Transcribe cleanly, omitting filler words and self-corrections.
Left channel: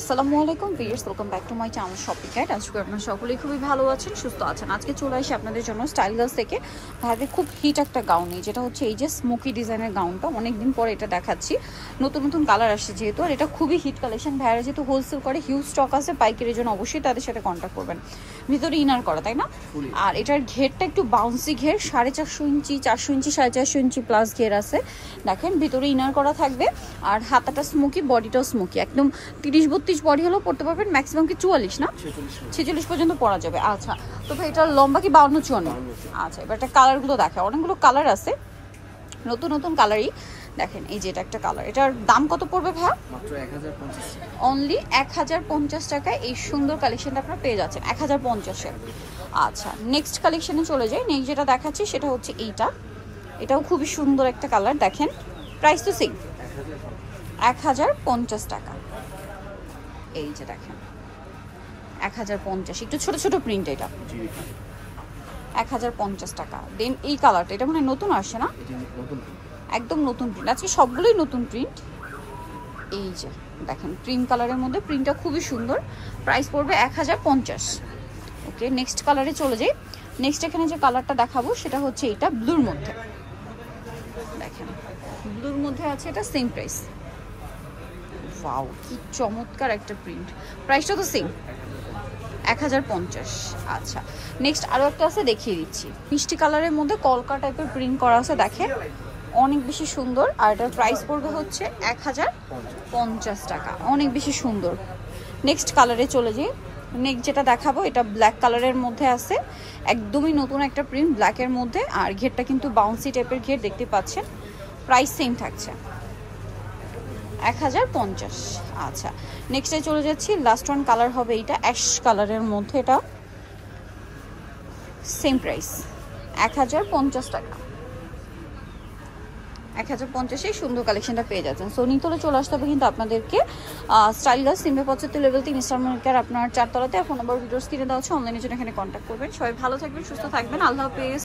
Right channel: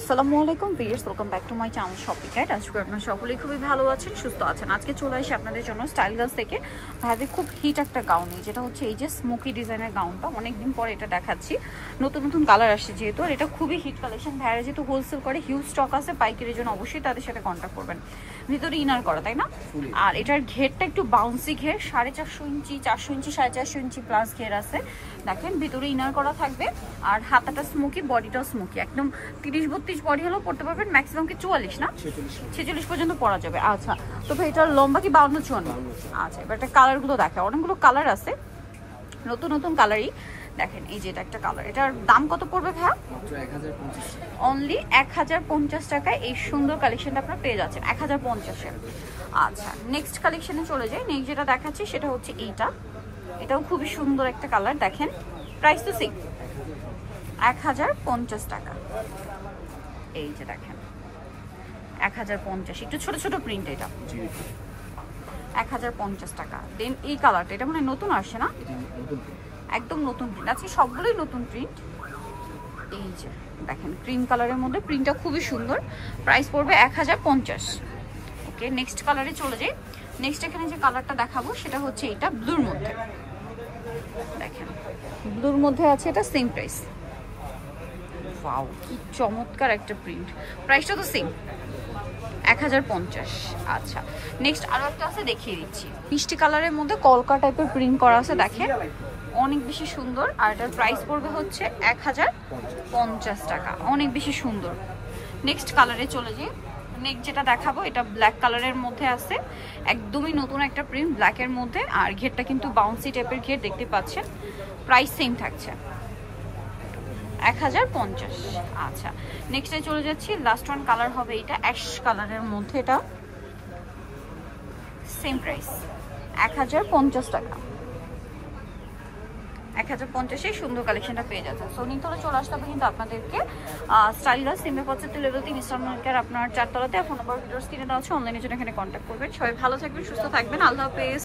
আসসালামু আলাইকুম viewers, welcome back to my channel shopping guide. আজকে আপনারা সকলেই খুবই ভালো আছেন, সুস্থ আছেন। আজকে চলে আসি আপনাদের জন্য স্টাইল গার্লস থেকে ভাবে খুব হিট একটা গাউন, যেটা হচ্ছে এই যে স্মোকি ডিজাইনের গাউনটা। অনেকদিন পরে এটা দেখাচ্ছি, নতুন নতুন কালার আসছে যেহেতু, আর এটা খুবই হিট কালেকশন। ভাইয়ারা যেহেতু হোলসেল করে, হিউজ স্টক আছে পাইকারির জন্য, অবশ্যই তাদের সাথে কন্ট্যাক্ট করবেন। ভিতরে ইনার করা, তাই না? আর এটার ঘেরটা একটু বাউন্সি ঘের, 4.5 ইঞ্চি, 400 ইঞ্চি, 4.5 ইঞ্চি প্লাস ঘের আছে। দেখেন ভিতরে ইনার করা থাকবে, আর হাতাটা স্মোকি, বডিটাও স্মোকি, একদম 30-32 বডি হলেও পড়তে পারবেন, ম্যাক্সিমাম কি 44 না 46 পর্যন্ত পরা যাবে। আচ্ছা, তো ভাই এটার লম্বা কি 52-54? আচ্ছা, এবার এটা কালারগুলো দেখে, অনেকগুলো কালার আছে, নতুন নতুন কালারই। দেখেন এই যে এটা একটা কালার, এটার দাম কত পড়বে ভাইয়া? মাত্র 1050 টাকা। অনলি 1050 টাকায় এই সুন্দর কালেকশনটা আপনারা পেয়ে যাচ্ছেন 1050-এ। আচ্ছা, নেক্সট কালেকশনে চলে যাই। নেক্সট যেটা দেখাচ্ছি সেটা হচ্ছে এইটা, এটাও খুবই সুন্দর একটা কালার। দেখেন প্রাইস তো সেম, 1050 টাকা। এই যে দেখেন 1050, একটু ছোট ছোট প্রিন্ট, এটা 1050 টাকা। দেন এই কালারটা, এটা মানে নতুন আসছে না, একদম নতুন প্রিন্ট, আজকে সবগুলোই নতুন প্রিন্ট। এই যে দেখেন ক্রিম কালারের মধ্যে, প্রিন্টটা খুবই সুন্দর, প্রাইস পড়বে 1050। ওকে, নেক্সট কালারে চলে যাই। নেক্সট এখানে যে কালারটা দেখাবো সেটা হচ্ছে এটা ব্লুর মধ্যে। দেখেন ব্লুর মধ্যে আছে, এটা সেম প্রাইস। ওয়াও, কি চমৎকার একটা প্রিন্ট, প্রাইসটা তো সেম 1050। আচ্ছা, নেক্সট আরো একটা আছে, দেখিয়ে দিচ্ছি। মিষ্টি কালারের মধ্যে কলকা টাইপের প্রিন্ট করা আছে, দেখেন অনেক বেশি সুন্দর। আর এটার প্রাইস পড়বে হচ্ছে 1050 টাকা, অনেক বেশি সুন্দর। নেক্সট কালারে চলে যাই। নেক্সট যেটা দেখাবো এটা ব্ল্যাক কালারের মধ্যে আছে, একদমই নতুন একটা প্রিন্ট ব্ল্যাকের মধ্যে, আর ঘেরটা কিন্তু বাউন্সি টাইপের ঘের দেখতে পাচ্ছেন। প্রাইস সেম থাকছে 1050। আচ্ছা, নেক্সটে চলে যাচ্ছি। লাস্ট ওয়ান কালার হবে এইটা অ্যাশ কালারের মধ্যে, এটা সেম প্রাইস 1050 টাকা। 1050-এ সুন্দর কালেকশনটা পেয়ে যাচ্ছেন। সো নিতলে চলে আসতে হবে কিন্তু আপনাদেরকে স্টাইল গার্লস, সিমে পথে লেভেল 3 ইস্টার্ন মার্কেট, আপনার 4 তলাতে। ফোন নাম্বার ভিডিওস কিনে দেওয়া আছে, অনলাইনের জন্য এখানে কন্ট্যাক্ট করবেন। সবাই ভালো থাকবেন, সুস্থ থাকবেন, আল্লাহ হাফেজ।